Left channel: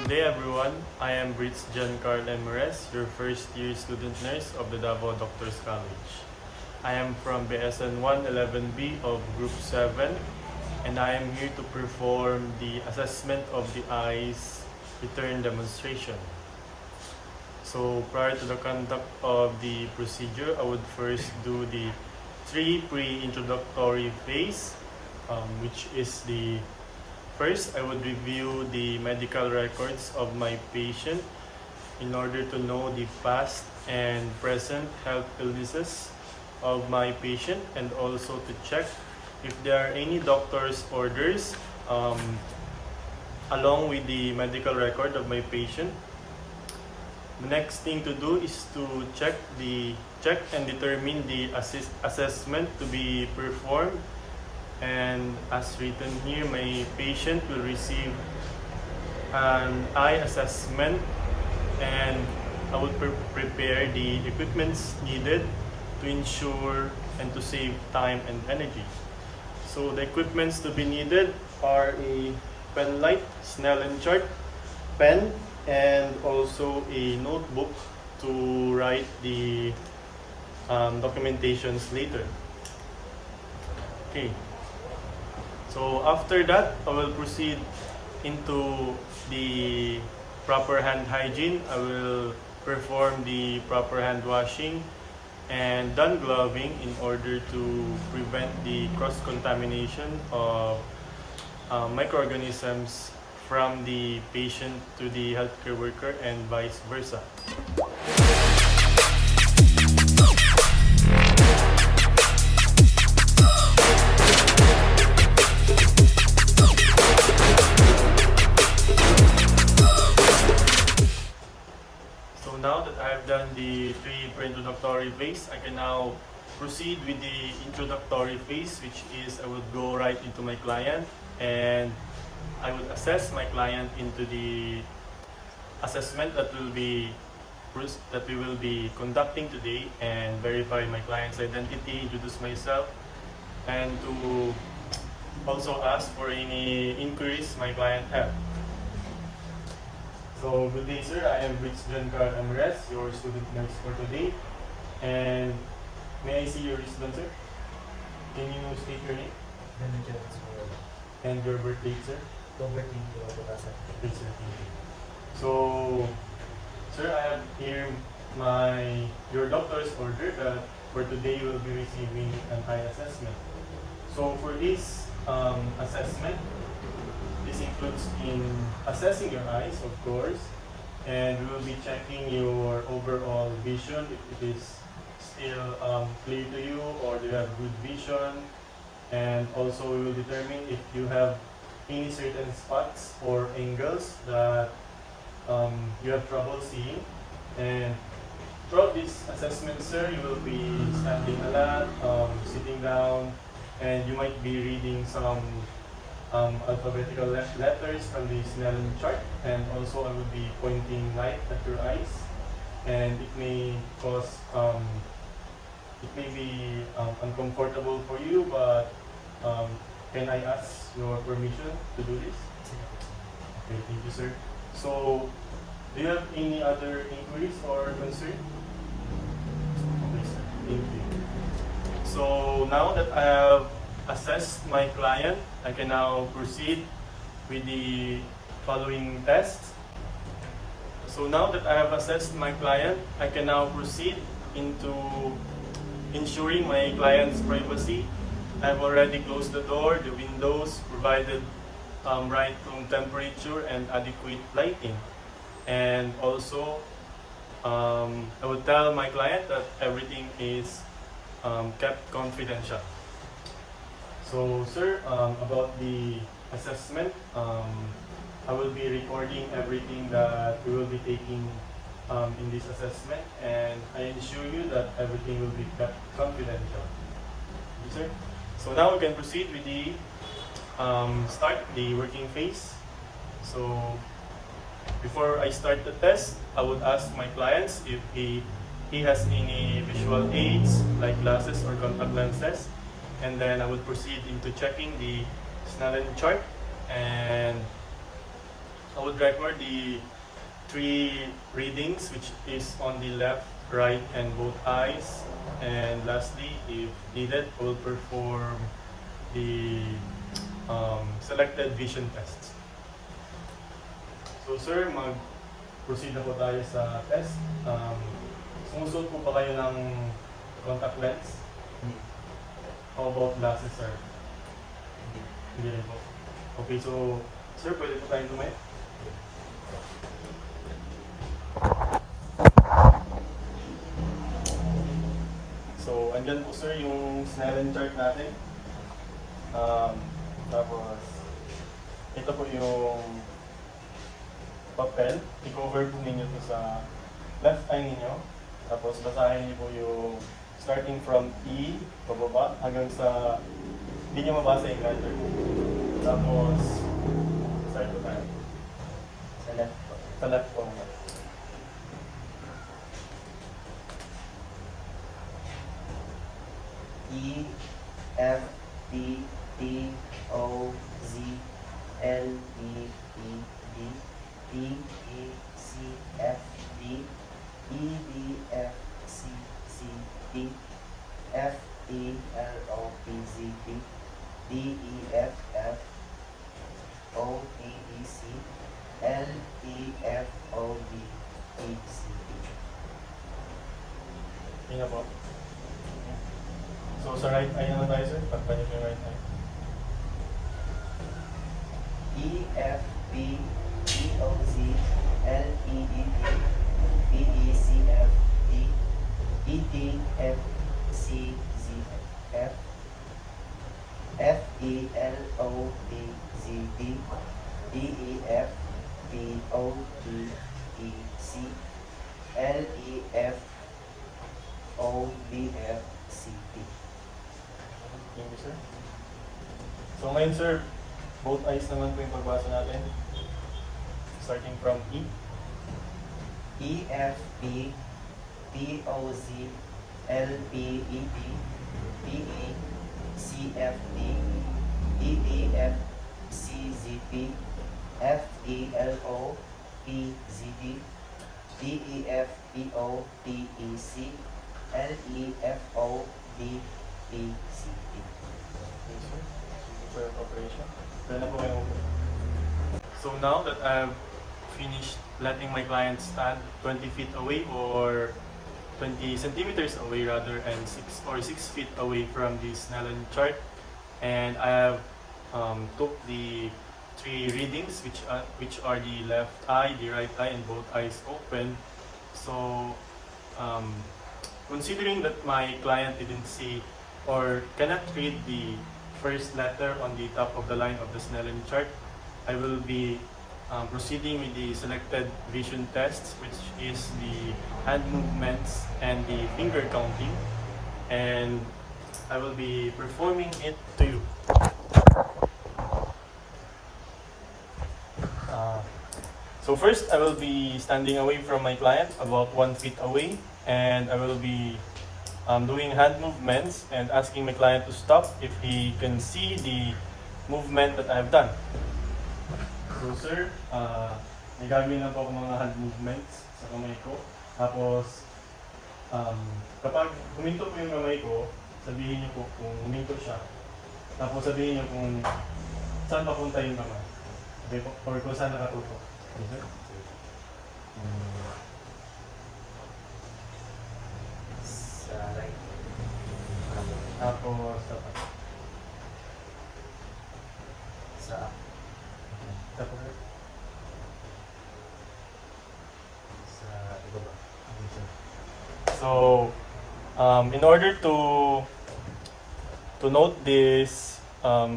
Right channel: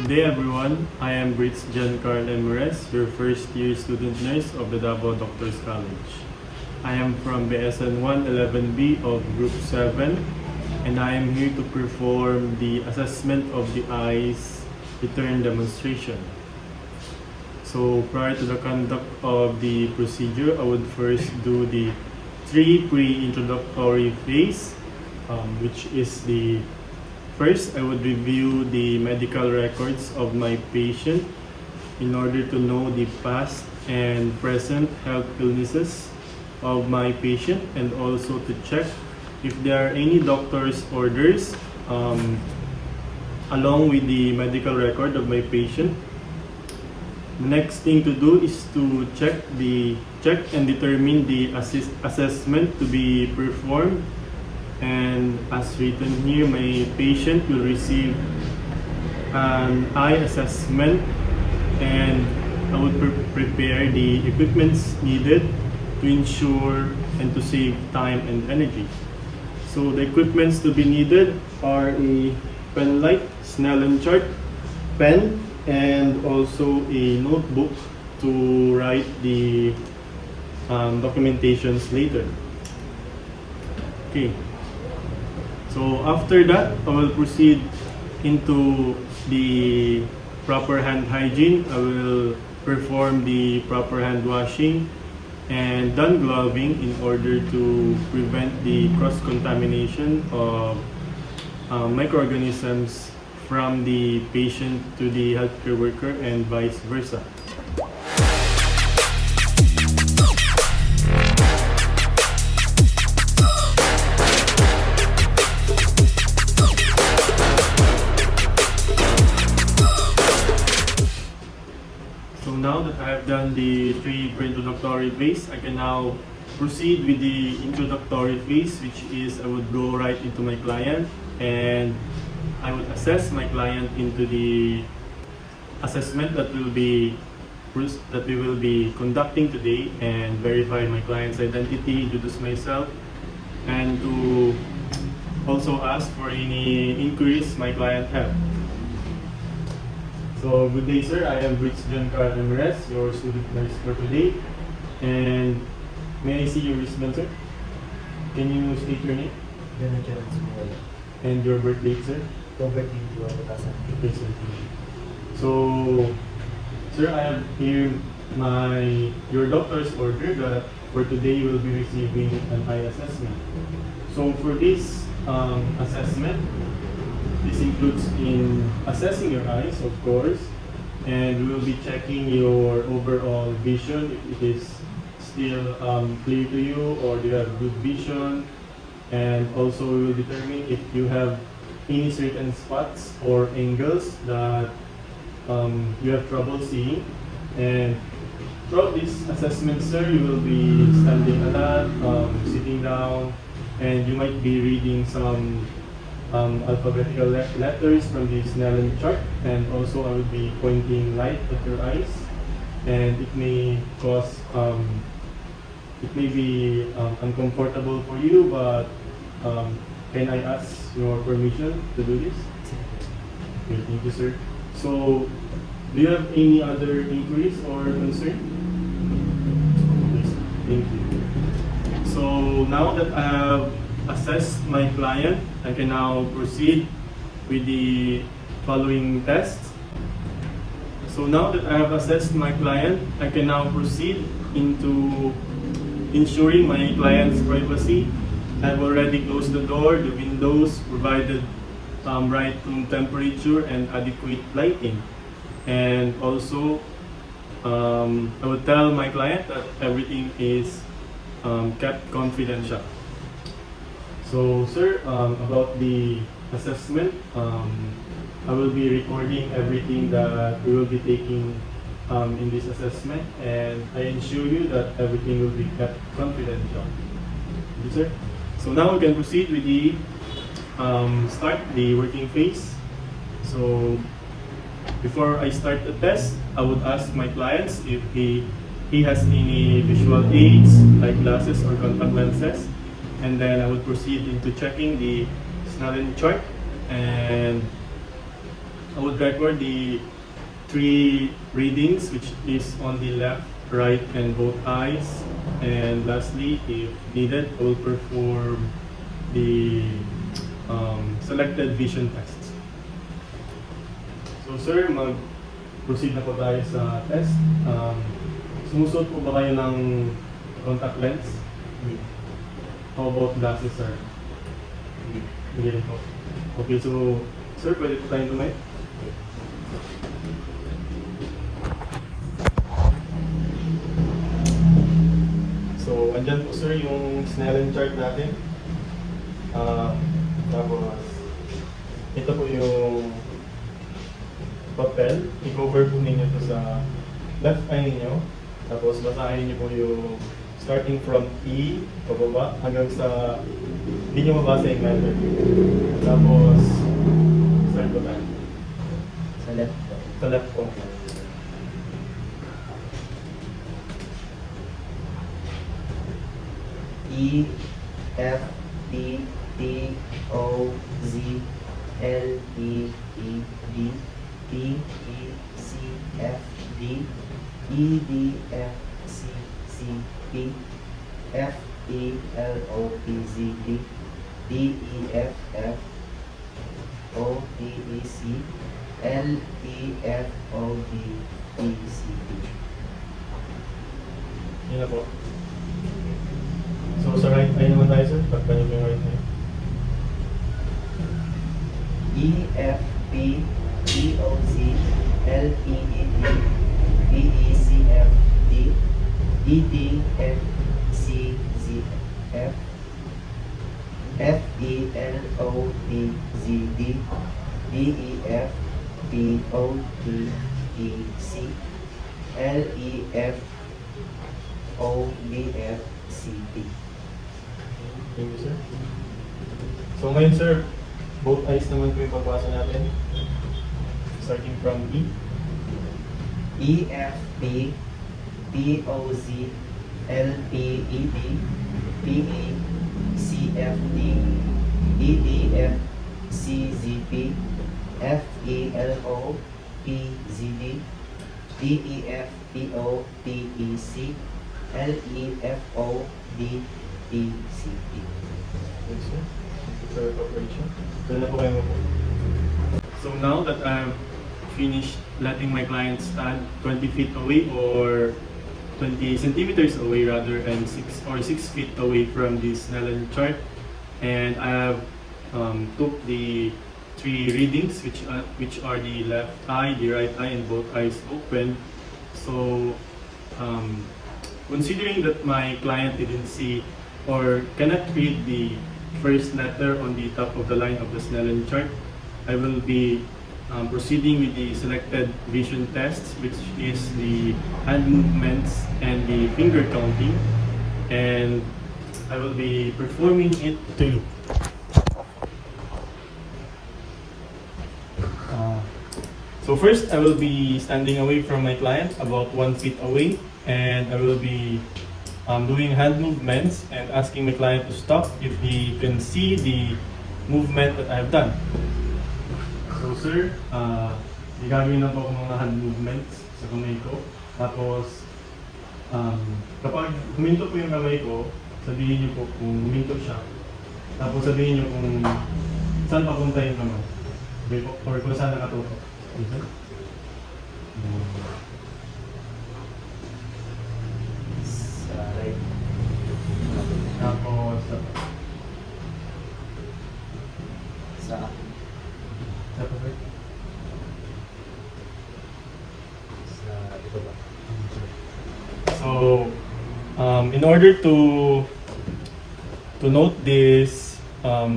Good day everyone, I am Britz Karl, your first year student nurse of the Davao Doctors College. I am from BSN 111B of Group 7 and I am here to perform the assessment of the eyes return demonstration. So prior to the conduct of the procedure, I would first do the 3 pre-introductory phase, which is the first, I would review the medical records of my patient in order to know the past and present health illnesses of my patient and also to check if there are any doctor's orders along with the medical record of my patient. The next thing to do is to check and determine the assessment to be performed. And as written here, my patient will receive an eye assessment and I would prepare the equipments needed to ensure and to save time and energy. So the equipments to be needed are a pen light, Snellen chart, pen, and also a notebook to write the documentations later. Okay. So after that, I will proceed into the proper hand hygiene. I will perform the proper hand washing and done gloving in order to prevent the cross-contamination of microorganisms from the patient to the healthcare worker and vice versa. Now that I have done the 3 pre-introductory phase, I can now proceed with the introductory phase, which is I would go right into my client and I would assess my client into the assessment that we will be conducting today and verify my client's identity, introduce myself, and to also ask for any inquiries my client have. So good day sir, I am Britz Karl, your student nurse for today. And may I see your wristband sir? Can you state your name? Jerez. And your birth date sir? October 21, 2018. So sir, I have here your doctor's order that for today you will be receiving an eye assessment. So for this assessment, this includes in assessing your eyes, of course, and we will be checking your overall vision, if it is still clear to you or do you have good vision, and also we will determine if you have any certain spots or angles that you have trouble seeing. And throughout this assessment, sir, you will be standing a lot, sitting down, and you might be reading some alphabetical letters from the Snellen chart, and also I will be pointing light at your eyes, and it may cause it may be uncomfortable for you, but can I ask your permission to do this? Okay, thank you sir. So do you have any other inquiries or concern? Yes, thank you. So now that I have assessed my client, I can now proceed with the following tests. So now that I have assessed my client, I can now proceed into ensuring my client's privacy. I have already closed the door, the windows, provided right room temperature and adequate lighting. And also, I would tell my client that everything is kept confidential. So sir, about the assessment, I will be recording everything that we will be taking in this assessment, and I ensure you that everything will be kept confidential. Thank you, sir. So now we can proceed with the working phase. So before I start the test, I would ask my clients if he has any visual aids like glasses or contact lenses. And then I would proceed into checking the Snellen chart and I would record the 3 readings, which is on the left, right, and both eyes. And lastly, if needed, I will perform the selected vision tests. So sir, mag-proceed na po tayo sa test. Sumusuot po ba kayo ng contact lens? Hindi. How about glasses, sir? Hindi. Hindi rin po. Okay, so sir, pwede po tayong tumayo? So, andyan po sir yung Snellen chart natin. Tapos, ito po yung papel. I-cover po ninyo ito sa left eye ninyo. Tapos, basahin niyo po yung starting from E, pababa, hanggang sa hindi nyo mabasa yung letter. Tapos, start po tayo. Sa left po. Sa left po. E, F, T, T, O, Z, L, E, E, D, T, E, C, F, D, E, D, F, C, C, P, F, E, L, O, P, Z, D, D, E, F, F, O, T, E, C, L, E, F, O, D, E, C, D. Yun na po. So, sa right eye naman tayo, sir. Takpan niyo po yung right eye. E, F, P, T, O, Z, L, E, E, D, B, E, C, F, D, E, D, F, C, Z, F, F, E, L, O, P, Z, D, D, E, F, P, O, T, E, C, L, E, F, O, B, F, C, D. Thank you, sir. So, ngayon, sir, both eyes naman po yung pagbasa natin. Starting from E. E, F, P, P, O, Z, L, P, E, D, P, E, C, F, D, E, D, F, C, Z, P, F, E, L, O, P, Z, D, D, E, F, P, O, T, E, C, L, E, F, O, D, E, C, D. Thank you, sir. Thank you for your cooperation. Pwede na po kayo mo po. So, now that I've finished letting my client stand 20 feet away or 20 centimeters away rather, and 6 feet away from the Snellen chart, and I have took the 3 readings, which are the left eye, the right eye, and both eyes open. So, considering that my client didn't see or cannot read the first letter on the top of the line of the Snellen chart, I will be proceeding with the selected vision tests, which is the hand movements and the finger counting, and I will be performing it to you. So first, I will be standing away from my client, about 1 feet away, and I will be doing hand movements and asking my client to stop if he can see the movement that I have done. So sir, may gagawin na po ako mga hand movements sa kamay ko. Tapos, kapag huminto po yung kamay ko, sabihin niyo po kung huminto siya. Tapos sabihin niyo kung saan papunta yung kamay. Okay po? Or kung saan nakatutok. Okay? Sa right. Tapos, Sa tapos, sa ibaba. so, in order to note this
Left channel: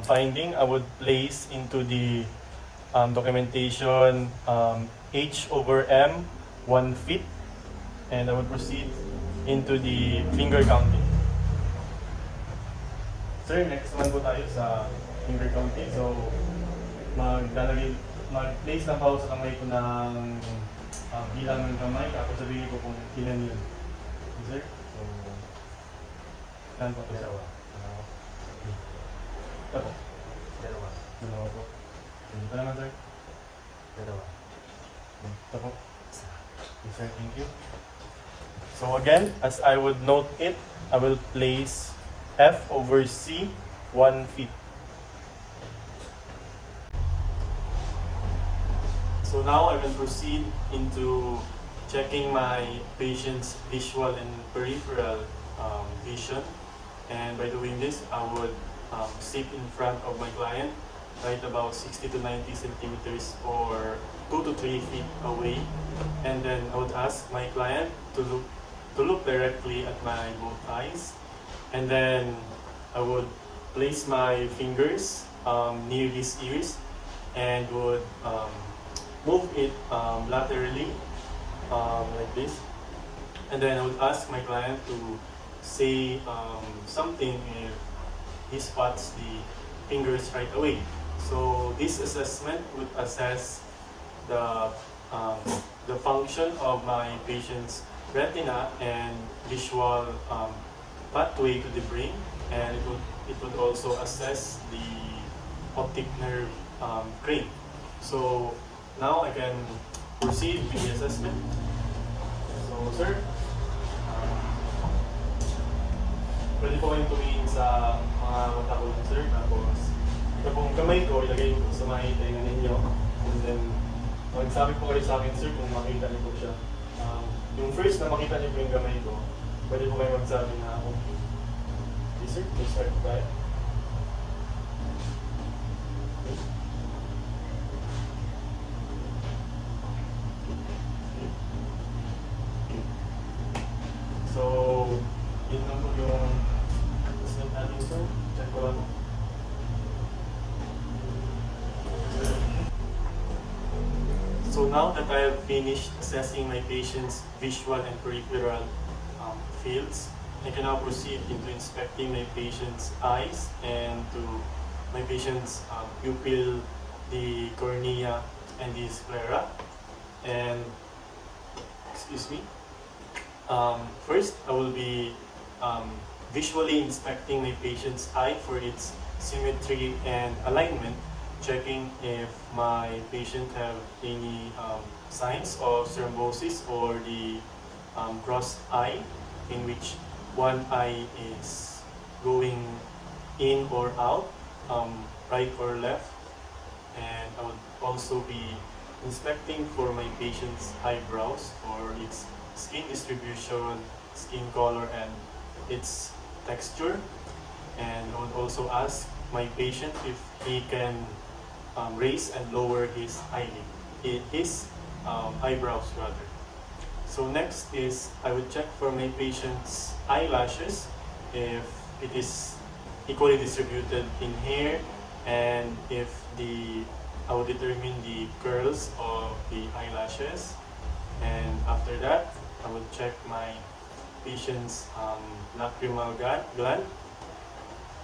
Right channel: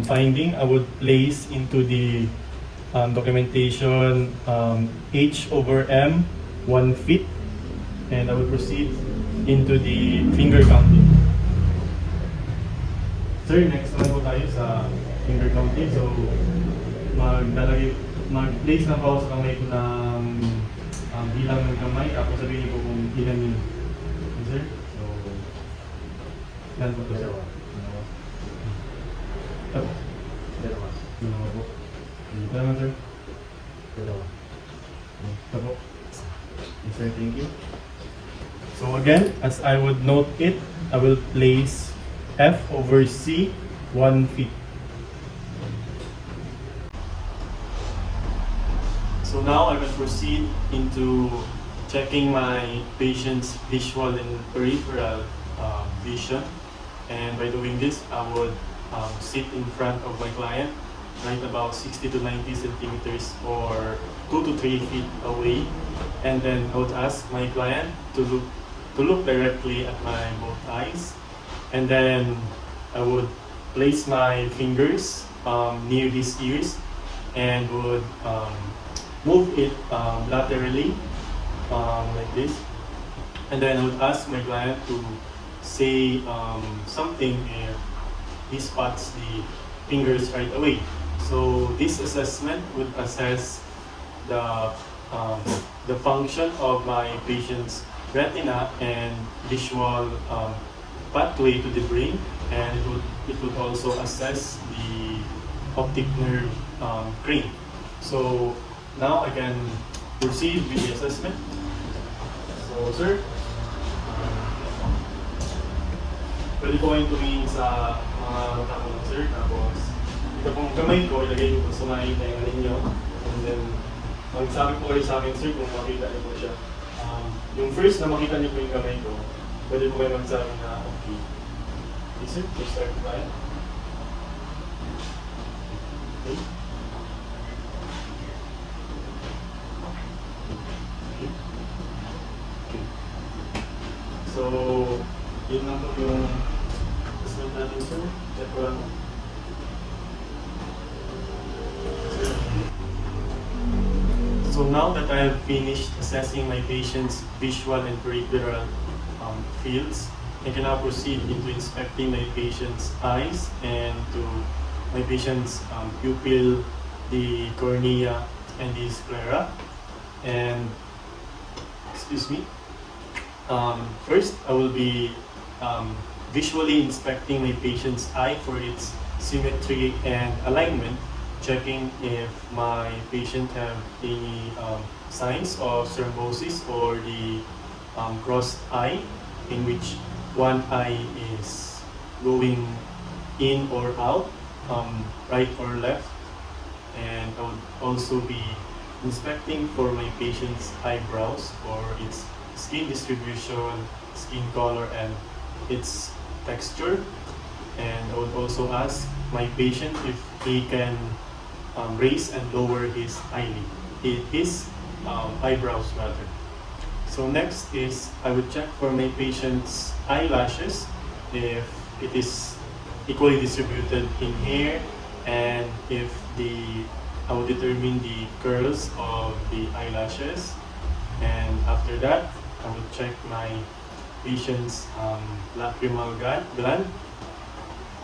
finding, I would place into the documentation H/M 1 feet, and I will proceed into the finger counting. Sir, next naman po tayo sa finger counting. So, mag-place na ako sa kamay ko ng bilang ng kamay, tapos sabihin ko kung ilan yun. Okay, sir? So, ilan pa ito, sir? Ito. Dalawa. Dalawa po. Hindi pa naman, sir? Dalawa. So again, as I would note it, I will place F over C 1 feet. So now I will proceed into checking my patient's visual and peripheral vision. And by doing this, I would sit in front of my client, right about 60 to 90 centimeters or 2 to 3 feet away. And then I would ask my client to look directly at my both eyes. And then I would place my fingers near his ears and would move it laterally like this. And then I would ask my client to say something if he spots the fingers right away. So this assessment would assess the function of my patient's retina and visual pathway to the brain, and it would also assess the optic nerve crane. So now I can proceed with the assessment. So sir, pwede po kayong tumingin sa mga mata ko sir, tapos ito pong kamay ko, ilagay ko sa mga tenga ninyo, and then magsabi po kayo sa akin sir kung makita niyo po siya. Yung first na makita niyo po yung kamay ko, pwede po kayo magsabi na okay. Okay sir, please start tayo. Okay. So, yun lang po yung assessment natin sir. Check ko lang. So now that I have finished assessing my patient's visual and peripheral fields, I can now proceed into inspecting my patient's eyes and to my patient's pupil, the cornea, and the sclera. And, excuse me, first I will be visually inspecting my patient's eye for its symmetry and alignment, checking if my patient have any signs of thrombosis or the crossed eye, in which one eye is going in or out, right or left. And I would also be inspecting for my patient's eyebrows for its skin distribution, skin color, and its texture. And I would also ask my patient if he can raise and lower his eyebrows rather. So next is I would check for my patient's eyelashes if it is equally distributed in hair, and if I would determine the curls of the eyelashes. And after that, I would check my patient's lacrimal gland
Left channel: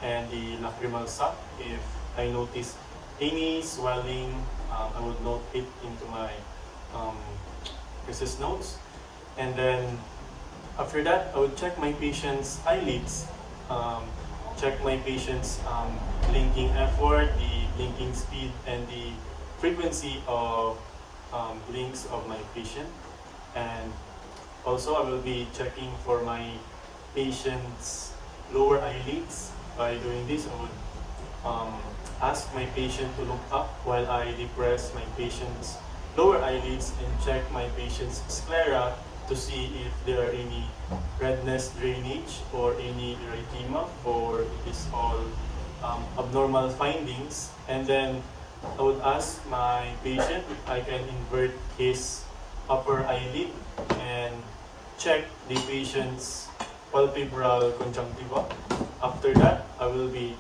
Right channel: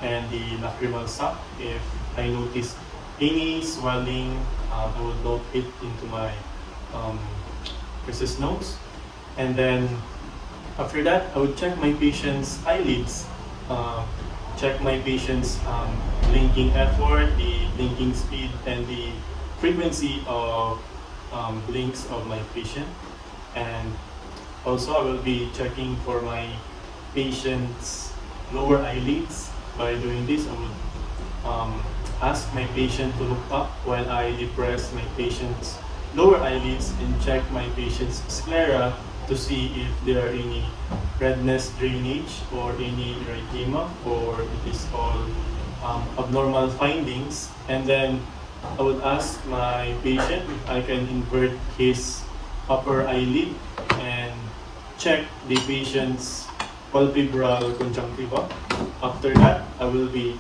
and the lacrimal sac. If I notice any swelling, I would note it into my rhesus notes. And then after that, I would check my patient's eyelids, check my patient's blinking effort, the blinking speed, and the frequency of blinks of my patient. And also I will be checking for my patient's lower eyelids. By doing this, I would ask my patient to look up while I depress my patient's lower eyelids and check my patient's sclera to see if there are any redness, drainage, or any erythema, or it is all abnormal findings. And then I would ask my patient if I can invert his upper eyelid and check the patient's palpebral conjunctiva. After that, I will be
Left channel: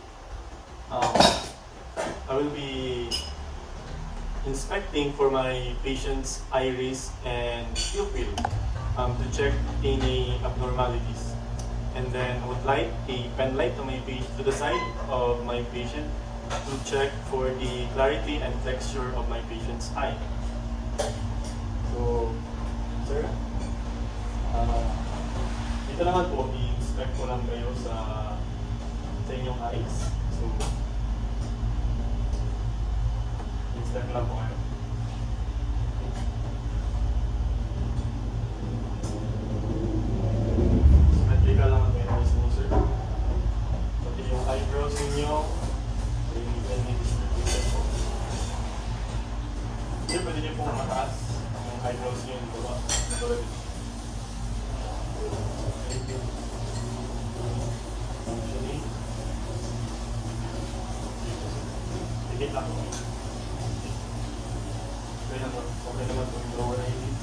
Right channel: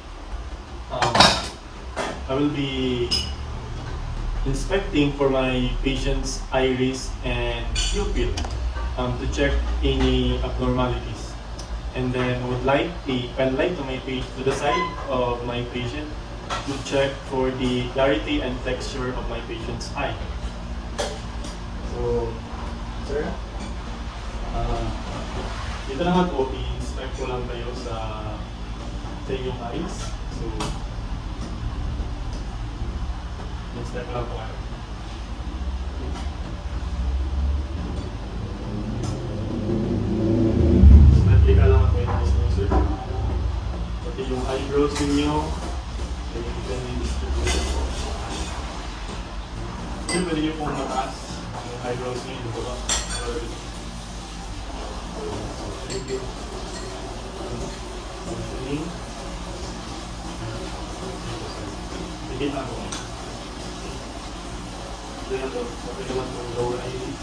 inspecting for my patient's iris and pupil to check any abnormalities. And then I would light a pen light to the side of my patient to check for the clarity and texture of my patient's eye. So, sir, dito lang po, i-inspect ko lang kayo sa inyong eyes. So, inspect ko lang po kayo. Sir, pwede niyo pong mataas ang eyebrows niyo ito ba? Higit ako. Doon na to. Okay naman kung lower eyelids.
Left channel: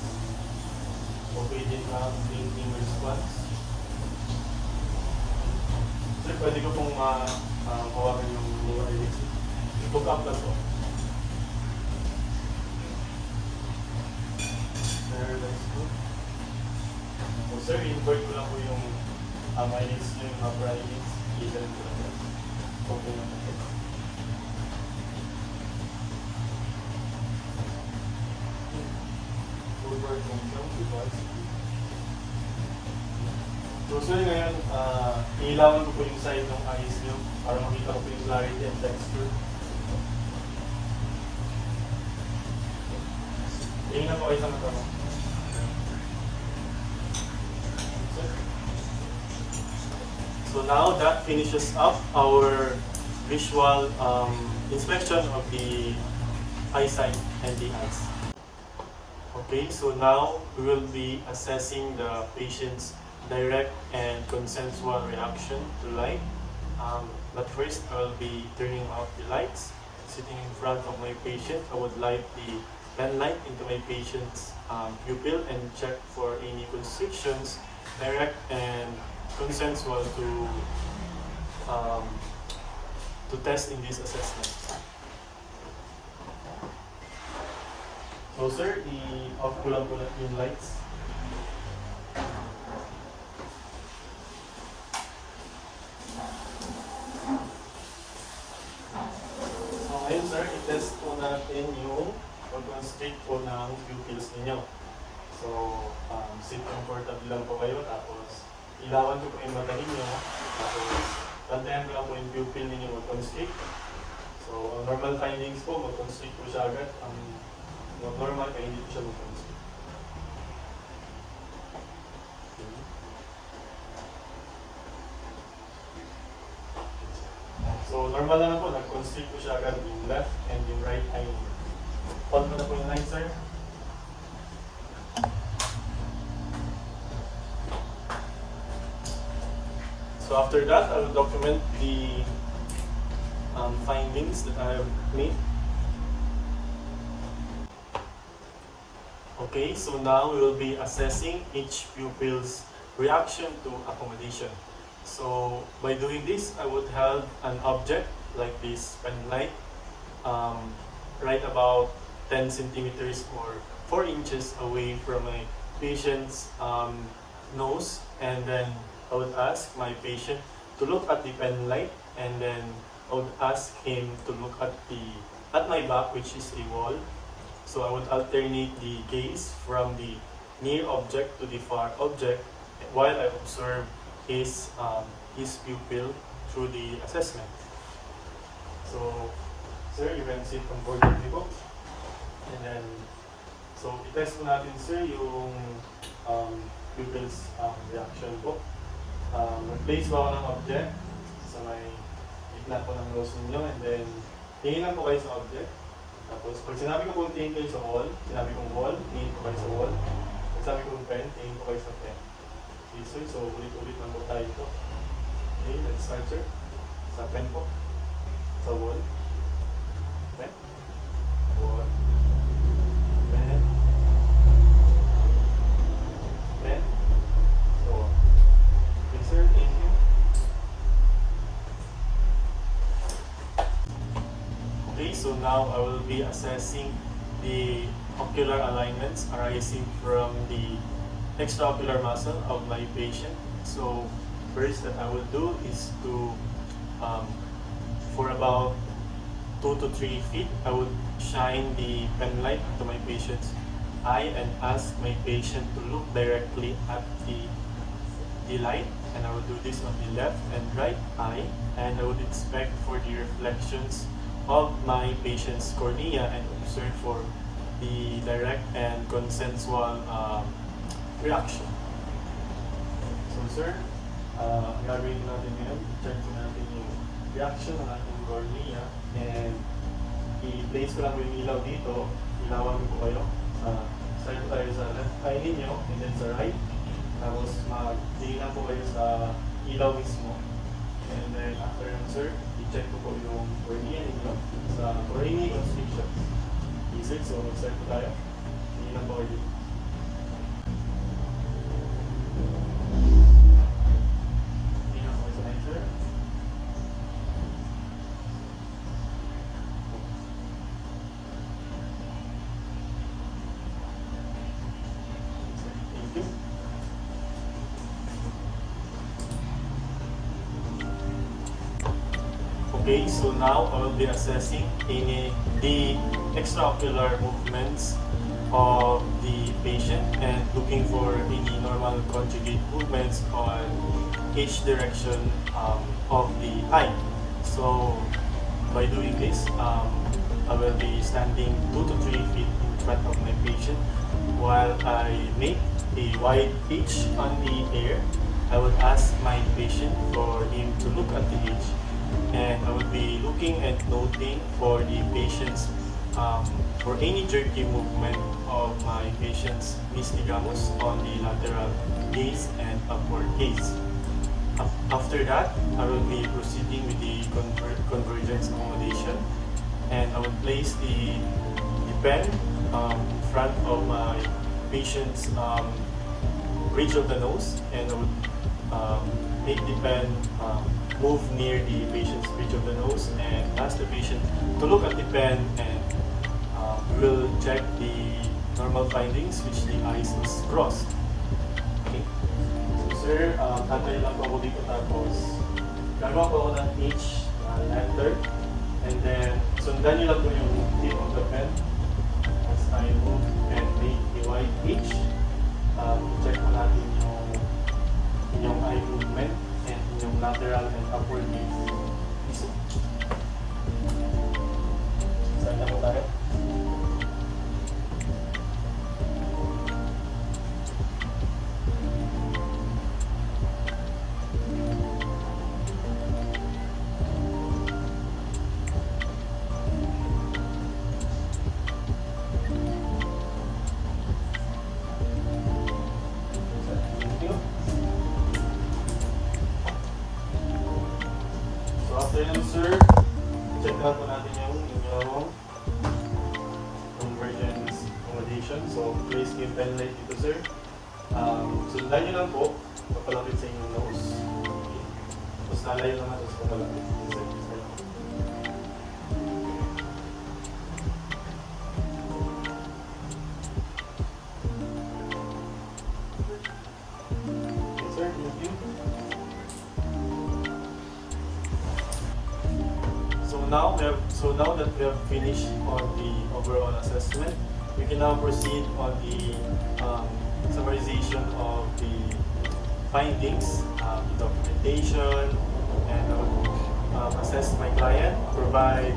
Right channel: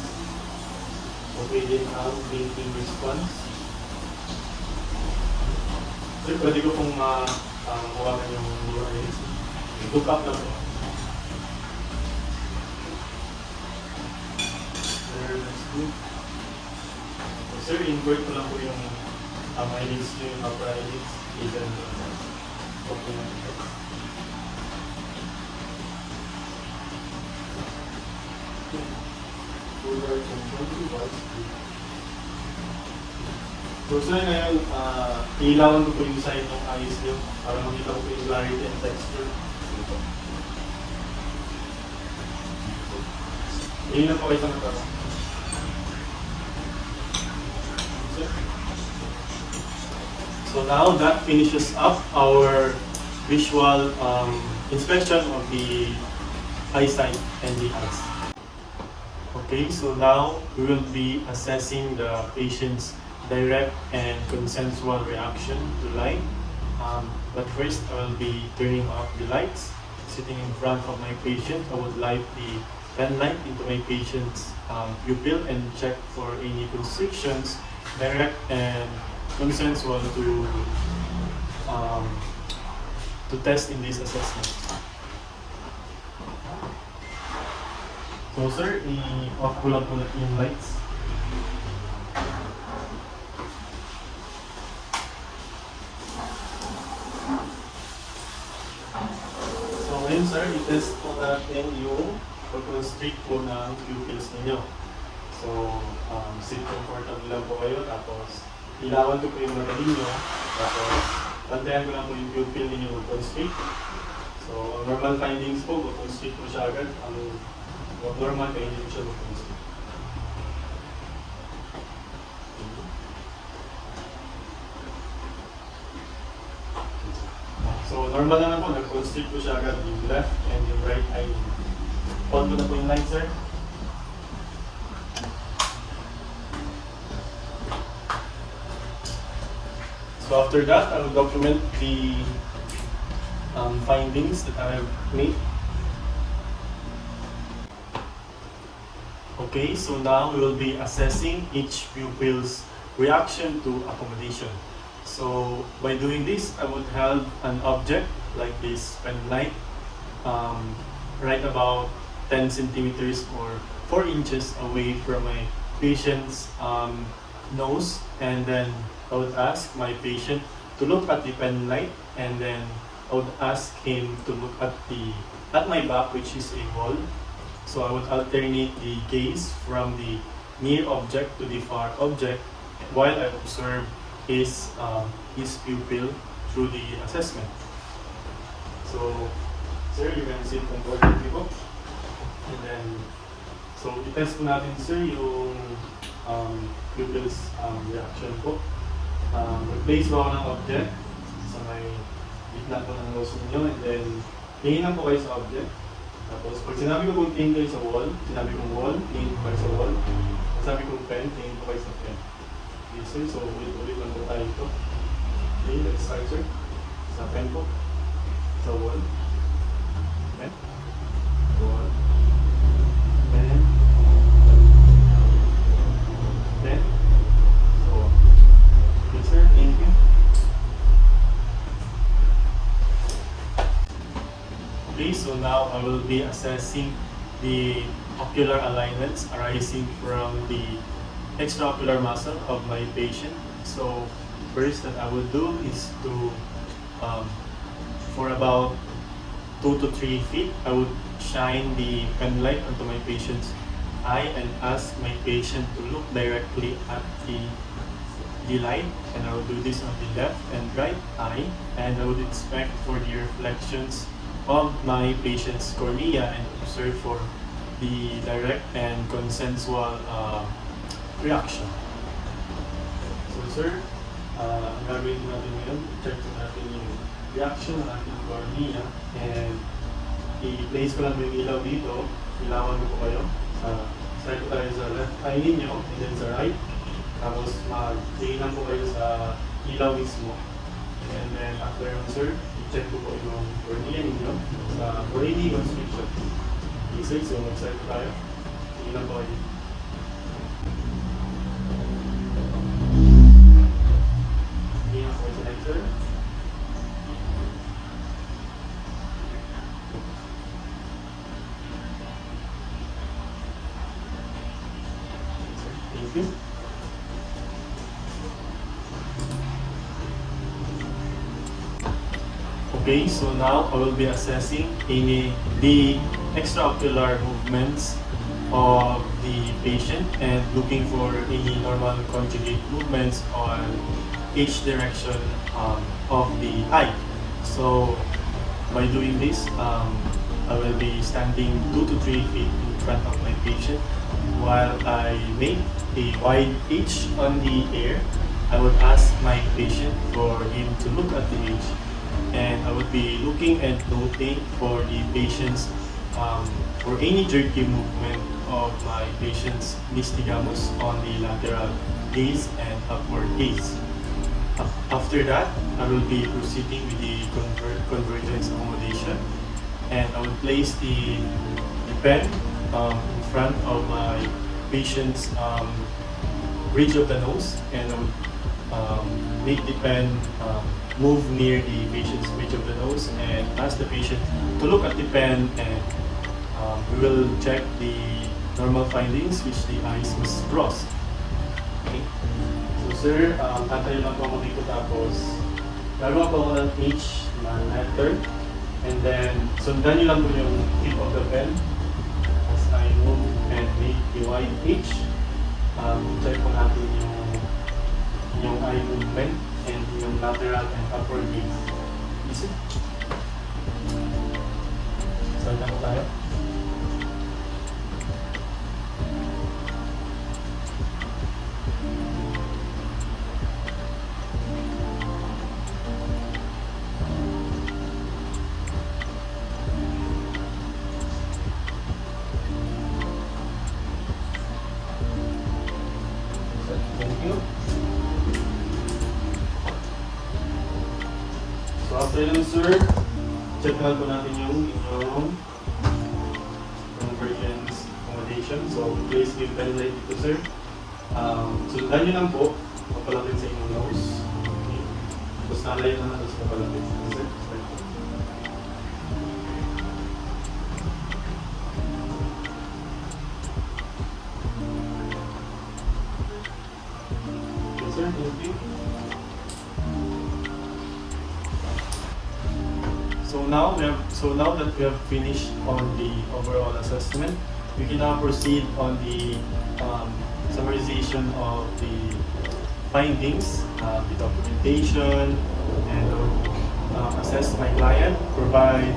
Okay din ang blinking response. Sir, pwede ko pong mawagan yung lower eyelids. I-book up na to. Sir, let's go. So, sir, invert ko lang po yung eyelids nyo, yung upper eyelids. I-turn ko. Okay na. So sir, ngayon, ilawan ko po yung side ng eyes nyo para makita ko po yung clarity and texture. Hindi na po kayo sa mata. So now that finishes up our visual inspection of the eyesight and the eyes. Okay, so now we will be assessing the patient's direct and consensual reaction to light. But first, I will be turning off the lights. Sitting in front of my patient, I would light the pen light into my patient's pupil and check for any constrictions, direct and consensual to test in this assessment. So sir, i-off ko lang po yung lights. So ngayon sir, i-test po natin yung pag-constrict po ng pupils ninyo. So, sit comfortable lang po kayo, tapos ilawan ko po yung mata ninyo, tapos tantayan ko lang po yung pupil ninyo mag-constrict. So, normal findings po, mag-constrict po siya agad. Ang normal kaya hindi siya mag-constrict. So, normal na lang po, nag-constrict po siya agad yung left and yung right eye. On ko na po yung light, sir. So after that, I will document the findings that I have made. Okay, so now we will be assessing each pupil's reaction to accommodation. So by doing this, I would have an object like this pen light right about 10 centimeters or 4 inches away from my patient's nose, and then I would ask my patient to look at the pen light, and then I would ask him to look at my back, which is a wall. So I would alternate the gaze from the near object to the far object while I observe his pupil through the assessment. So, sir, you can sit comfortably po. And then, so i-test po natin, sir, yung pupil's reaction po. Mag-place po ako ng object sa may gitna po ng nose ninyo, and then tingin lang po kayo sa object. Tapos pag sinabi ko kung tingin kayo sa wall, sinabi kong wall, tingin po kayo sa wall. Pag sabi kong pen, tingin po kayo sa pen. Okay, sir, so ulit-ulit lang po tayo ito. Okay, let's start, sir. Sa pen po. Sa wall. Pen. Wall. Pen. Pen. So, okay, sir, thank you. Okay, so now I will be assessing the ocular alignments arising from the extraocular muscle of my patient. So first that I will do is to, for about 2 to 3 feet, I would shine the pen light onto my patient's eye and ask my patient to look directly at the light, and I will do this on the left and right eye, and I would inspect for the reflections of my patient's cornea and observe for the direct and consensual reaction. So sir, ang gagawin natin ngayon, check natin yung reaction ng ating cornea. And i-place ko lang yung ilaw dito. Ilawan ko kayo. Start ko tayo sa left eye ninyo and then sa right. Tapos mag-tingnan po kayo sa ilaw mismo. And then after yun, sir, i-check ko po yung cornea ninyo sa grading restriction. Okay, sir, so start ko tayo. Tingnan po kayo dito. Tingnan po kayo sa sir. Thank you. Okay, so now I will be assessing the extraocular movements of the patient and looking for any normal conjugate movements on each direction of the eye. So by doing this, I will be standing 2 to 3 feet in front of my patient while I make a wide pitch on the air. I would ask my patient for him to look at the edge, and I would be looking and noting for the patient's for any jerky movement of my patient's nystagmus on the lateral gaze and upward gaze. After that, I will be proceeding with the convergence accommodation, and I will place the pen in front of my patient's bridge of the nose, and I will make the pen move near the patient's bridge of the nose and ask the patient to look at the pen, and we will check the normal findings which the eyes must cross. Okay. So sir, antayin lang po ako dito, tapos gagawa po ako ng H na lantern, and then sundan nyo lang po yung tip of the pen as I move and make the wide H. Check po natin yung eye movement and yung lateral and upward gaze. Start na po tayo. So yun sir, check out po natin yung inyong convergence accommodation. So please give pen light dito sir. Sundan nyo lang po, papalapit sa inyong nose. Okay. Tapos nalayo naman sa papalapit sa sir. Okay sir, thank you. So now that we have finished on the overall assessment, we can now proceed on the summarization of the findings, the documentation, and assess my client, provide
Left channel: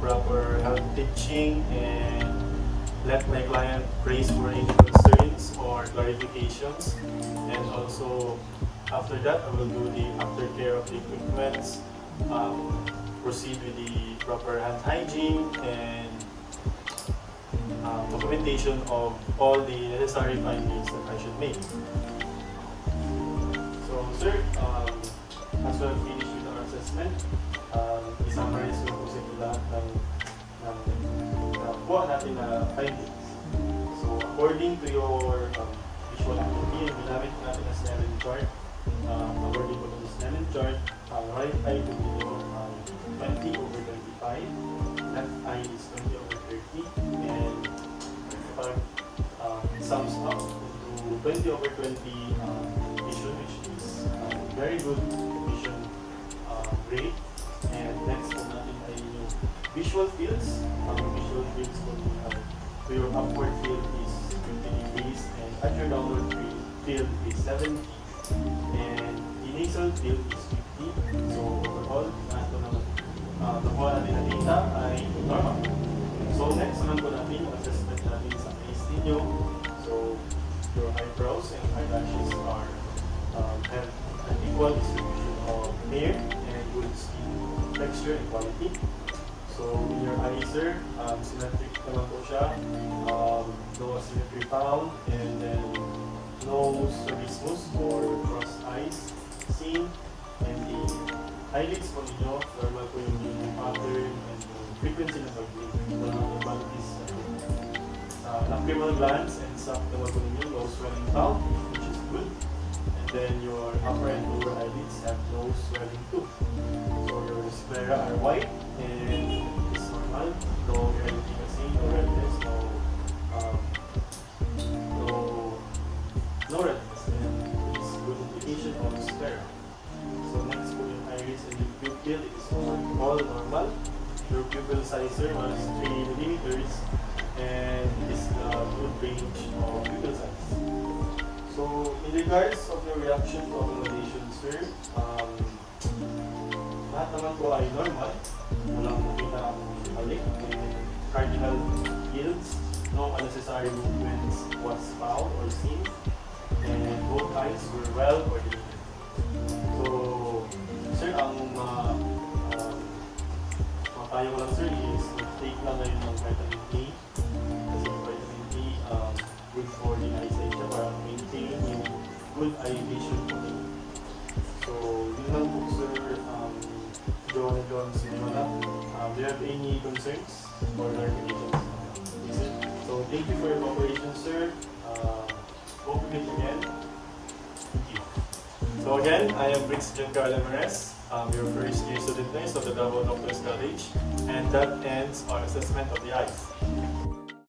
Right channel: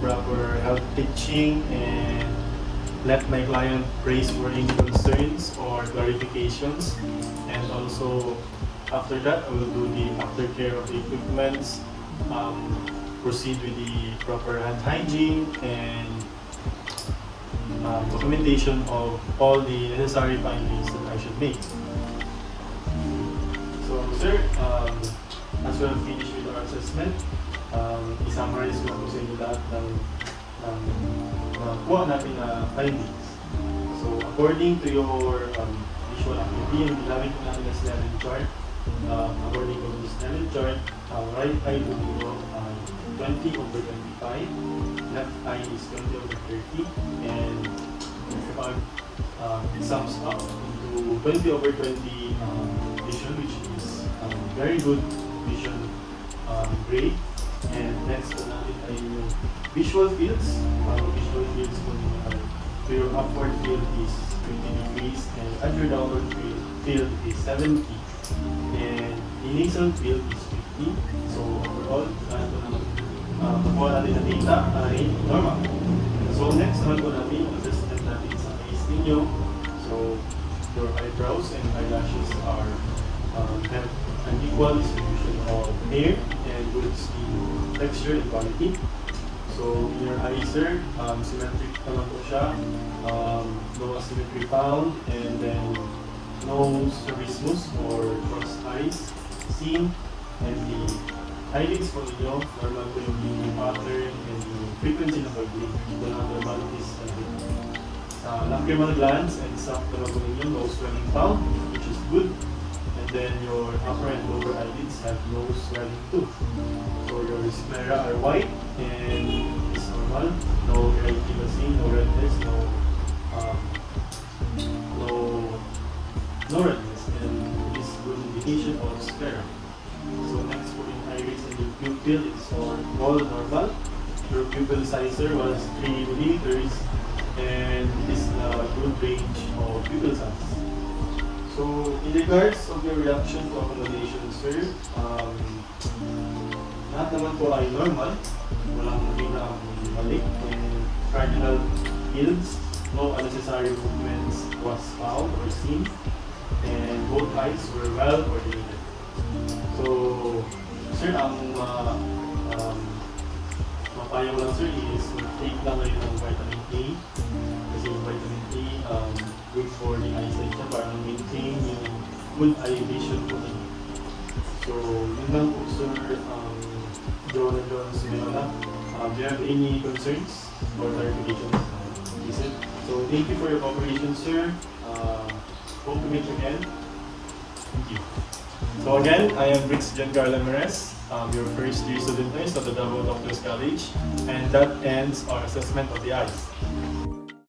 proper health pitching, and let my client raise for any concerns or clarifications. And also, after that, I will do the aftercare of the equipments, proceed with the proper hand hygiene and documentation of all the necessary findings that I should make. So, sir, as we have finished with our assessment, i-summarize ko sa inyo lahat ng kuha natin na findings. So, according to your visual acuity, yung ginamit ko natin na Snellen chart, according to the Snellen chart, right eye will be 20 over 25, left eye is 20 over 30, and it sums up to 20 over 20 vision, which is very good vision grade. And next po natin ay yung visual fields. Visual fields po your upward field is 20 degrees and at your downward field is 70, and the nasal field is 50. So overall, nakuha natin ang data ay normal. So next naman po natin yung assessment natin sa face ninyo. So your eyebrows and eyelashes are have an equal distribution of hair and good skin texture and quality. healthy. So your eyes, sir, symmetric naman po siya. No asymmetry found, and then no strabismus or crossed eyes seen. And the eyelids po ninyo, normal po yung pattern and the frequency ng pag-blink. Wala normal is sa lacrimal glands and some naman po ninyo, no swelling found, which is good. And then your upper and lower eyelids have no swelling too. So your sclera are white and it's normal. No erythema seen, no redness, no redness. And this is good indication of sclera. So next for your iris and your pupil, it's all normal. Your pupil size was 3 millimeters and is the good range of pupil size. So in regards of your reaction to accommodation, sir, lahat naman po ay normal. Walang pinaka-balik. Cardinal fields, no unnecessary movements was found or seen, and both eyes were well coordinated. So, sir, ang mapaya ko lang, sir, is take lang ngayon ng vitamin A. Kasi vitamin A, good for the eyesight niya para maintain yung good eye vision po niya. So, yun lang po, sir, Joan Senora. Do you have any concerns or clarifications? So, thank you for your cooperation, sir. Hope to meet you again. Thank you. So again, I am Britz and Karl, your first year student nurse at the Davao Doctors College, and that ends our assessment of the eyes.